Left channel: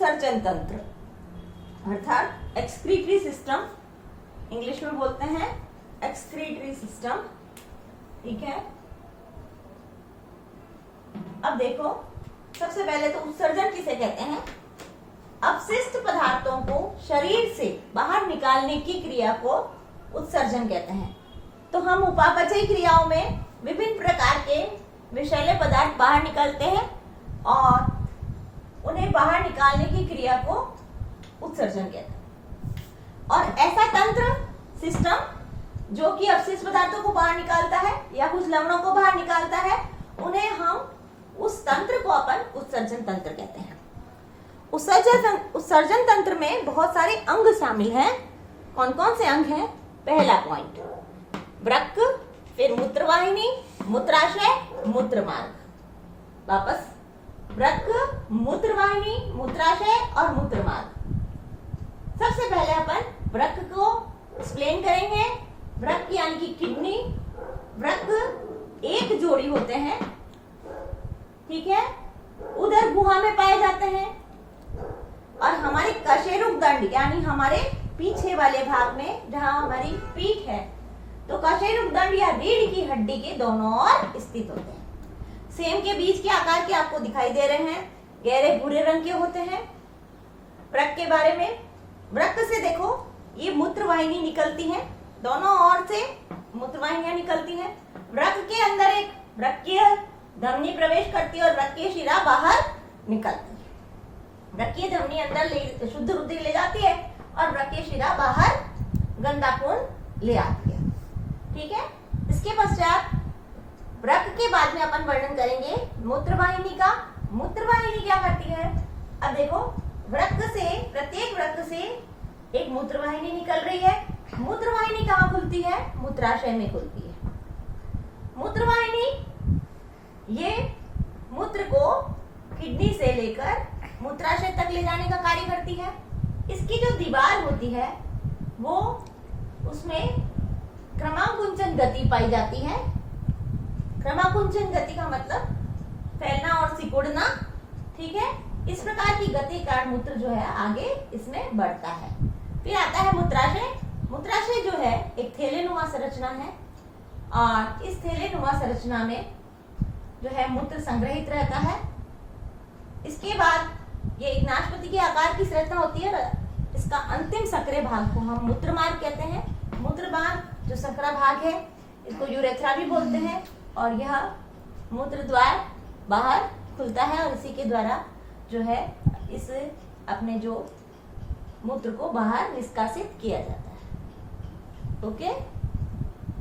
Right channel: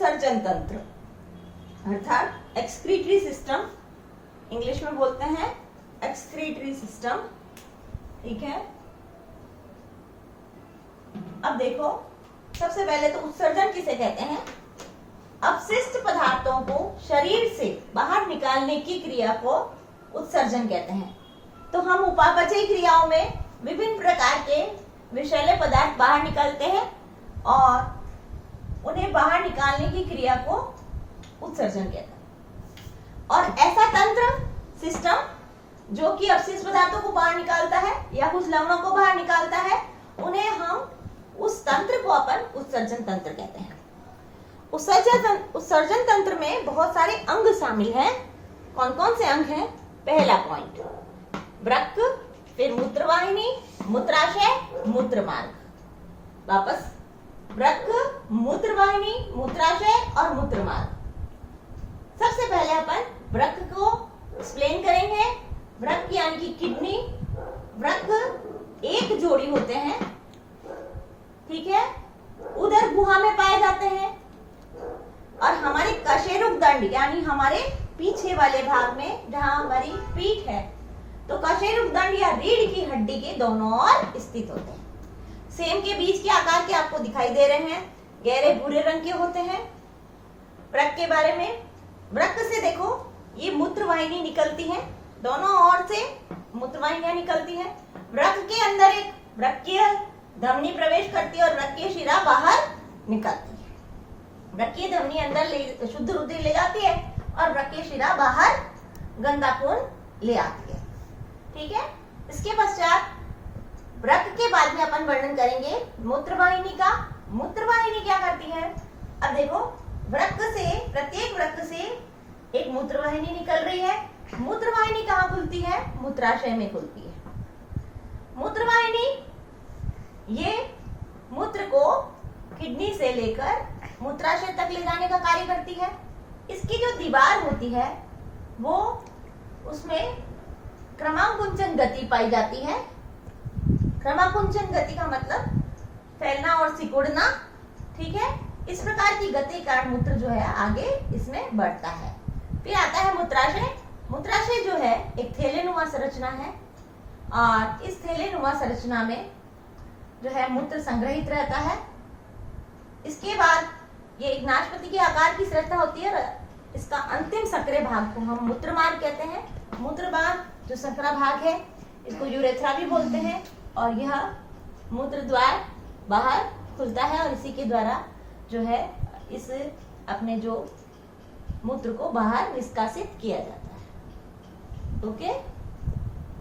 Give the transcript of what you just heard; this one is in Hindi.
उत्सर्जन तंत्र अर्थात एक्सक्रीटरी सिस्टम, इंग्लिश में बोलते हैं एक्सक्रीटरी सिस्टम। ठीक है, अब देखो सबसे पहले तो उत्सर्जन किसे कहते हैं? अपशिष्ट पदार्थों को शरीर से बाहर निकालने की क्रिया को उत्सर्जन कहते हैं। तो हम उपापचयी क्रियाओं में विभिन्न प्रकार के विषैले पदार्थ बाहर निकलते हैं और उन्हें बाहर निकालने की क्रिया को उत्सर्जन कहते हैं। और ऐसा तंत्र सिस्टम जो कि अपशिष्ट पदार्थों को बाहर निकालता है या कुछ लवणों को बाहर निकालता है, उन्हें हम उस तंत्र को अपन उत्सर्जन तंत्र कहते हैं। उत्सर्जन तंत्र में बहुत सारे अंग शामिल हैं। कौन कौन से अंग हैं? पहला पॉइंट वृक्क, फिर मूत्रवाहिनी, मूत्राशय, मूत्रमार्ग। वापस वृक्क, मूत्रवाहिनी, मूत्राशय और मूत्रमार्ग। सबसे पहले अपन वृक्क को एक्सप्लेन करेंगे। वृक्क यानी कि किडनी। वृक्क एक जोड़ी होते हैं, ठीक है, उदर गुहा में पाए जाते हैं और हमारे कशेरुक दंड यानी हमारे पीछे वाले भाग में जहां हमारी पीठ है, तो कशेरुक दंड या रीढ़ की हड्डी के दोनों ओर स्थित होते हैं। सेम के बीच के आकार के आपको दिखाई दे रहे हैं, गहरे भूरे रंग के होते हैं। वृक्क के बारे में, वृक्क से देखो ये मूत्रवाहिनी निकलती है, दोनों ओर से मूत्रवाहिनियां निकलती हैं। वृक्क के अंदर एक वृक्कीय धमनी प्रवेश करती है और वृक्कीय शिरा बाहर निकलती है। वृक्कीय धमनी अंदर शुद्ध रुधिर ले जाती है और वृक्कीय शिरा बाहर गंदा खून ले आती है। ठीक है, इसके पश्चात वृक्क के बाद में अपन वर्णन करेंगे मूत्रवाहिनी का। मूत्रवाहिनी क्या करती है? अब देखो वृक्क से, प्रत्येक वृक्क से एक मूत्रवाहिनी निकल रही है। मूत्रवाहिनी कहाँ खुलती है? मूत्राशय में खुलती है। मूत्रवाहिनी ये मूत्र को किडनी से लेकर मूत्राशय तक ले जाने का कार्य करती है। इसकी जो दीवार होती है वो, उसमें क्रमाकुंचन गति पाई जाती है। क्रमाकुंचन गति का मतलब फैलना और सिकुड़ना। ठीक है, इस प्रकार की गति का मूत्र जो है आगे इसमें बढ़ता है। फिर आता है मूत्राशय। मूत्राशय जो है एक थैलेनुमा संरचना है और इस थैलेनुमा संरचना में जो है मूत्र संग्रहित रहता है। इसके बाद ये एक नाशपति के आकार की संरचना होती है। इसका अंतिम संकरे भाग को हम मूत्रमार्ग कहते हैं। मूत्रमार्ग जो संकरा भाग है, इसको यूरेथ्रा भी बोलते हैं और यह मूत्र द्वार बाहर खुलता है और इसी के द्वारा जो है इस अपने जो मूत्र को बाहर निष्कासित किया जाता है। ओके।